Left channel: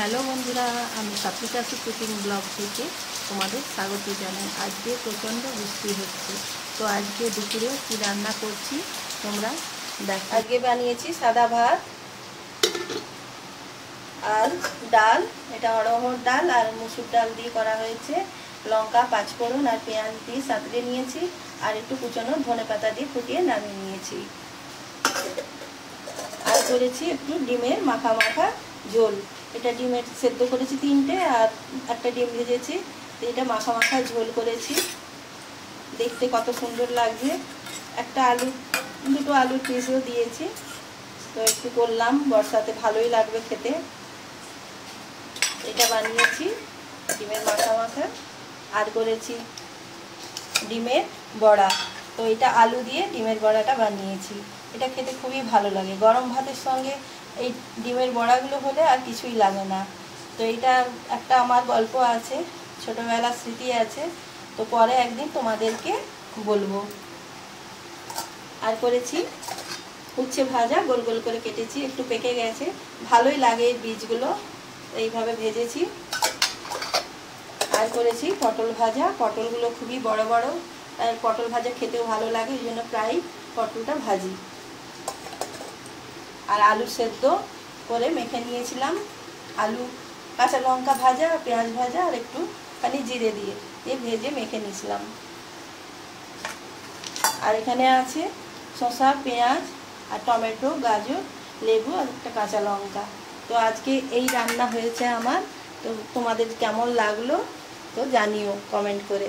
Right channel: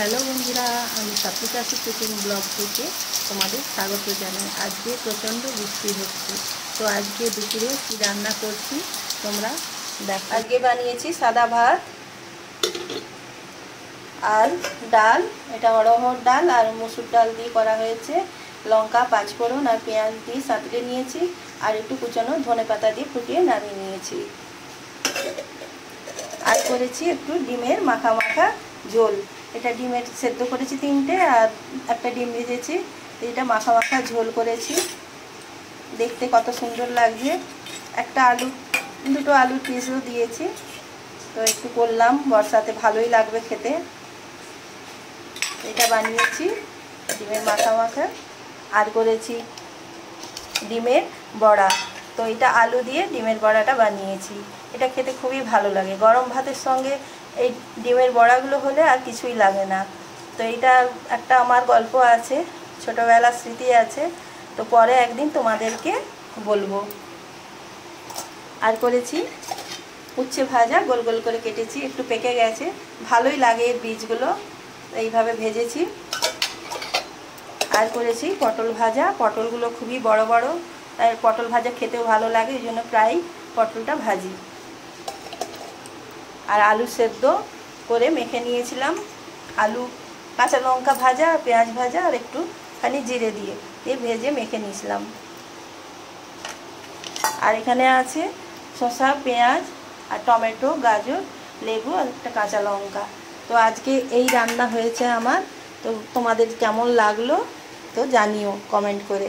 Hello বন্ধুরা, আমি সাত্বিকা cooking blog থেকে তোমাদের স্বাগত জানাই। আজকে প্রচণ্ড বৃষ্টি হচ্ছে, তো আজকে দুপুরে কি রান্না করছি তোমরা দেখো। আজকে বানিয়েছি সাদা ভাত আর ডাল। এটা অড়হর ডাল আর মসুর ডাল দিয়ে করা হয়েছে। লঙ্কা, পাঁচফোড়ন আর পেঁয়াজ দিয়ে সাঁতরে নিয়েছি, আর একটু কুচানো ধনেপাতা দিয়ে ফুটিয়ে নামিয়ে নিয়েছি। আর করেছি একটু ডিমের মাখা মাখা ঝোল। এটা ডিমের সেদ্ধ করেছি 3টে, আর একটা ডিম ভেজেছি। এটা মাখা মাখা ঝোল করেছি, দেখতে কত সুন্দর লাগছে। একটা দুটো আলুর পিসও দিয়েছি, তো একটু করলাম, বর্ষাতে ভালোই লাগবে খেতে। এটা বানিয়েছি ডিমের মাখা মাখা। আর করেছি ডিমের বড়া, তো এটা আলু দিয়ে ডিমের বড়াটা বানিয়েছি। এটা খেতে খুবই ভালো লাগে, গরম ভাতের সঙ্গে এই ডিমের বড়াগুলো হলে আর কিছুই লাগে না। তো এইটা একটা আমার গল্প আছে, ছোটোবেলার স্মৃতি আছে, তো পরে একদিন তোমাদেরকে বলবো। আর করেছি উচ্ছে ভাজা, গোল গোল করে কেটেছি, একটু পেকে গেছে, ভালোই লাগে এর বীজগুলো, এইভাবে ভেজেছি। আর করেছি পটল ভাজা, পটলগুলো খুবই বড় বড়, আর পটল ভাজা খেতেও ভালো লাগে, এই জন্য প্রায় পটলটা ভাজি। আর আলু সেদ্ধ করে মেখে নিয়েছিলাম, আলু, কাঁচা লঙ্কা ভাজা, পেঁয়াজ ভাজা আর একটুখানি জিরে দিয়ে ভেজে মেখে নিয়েছিলাম। আর এখানে আছে শসা, পেঁয়াজ আর টমেটো, গাজর, লেবু আর একটা কাঁচা লঙ্কা। তো আজকে এই রান্না হয়েছে আমার। তো তোমাদের কেমন লাগলো তো জানিও কমেন্ট করে।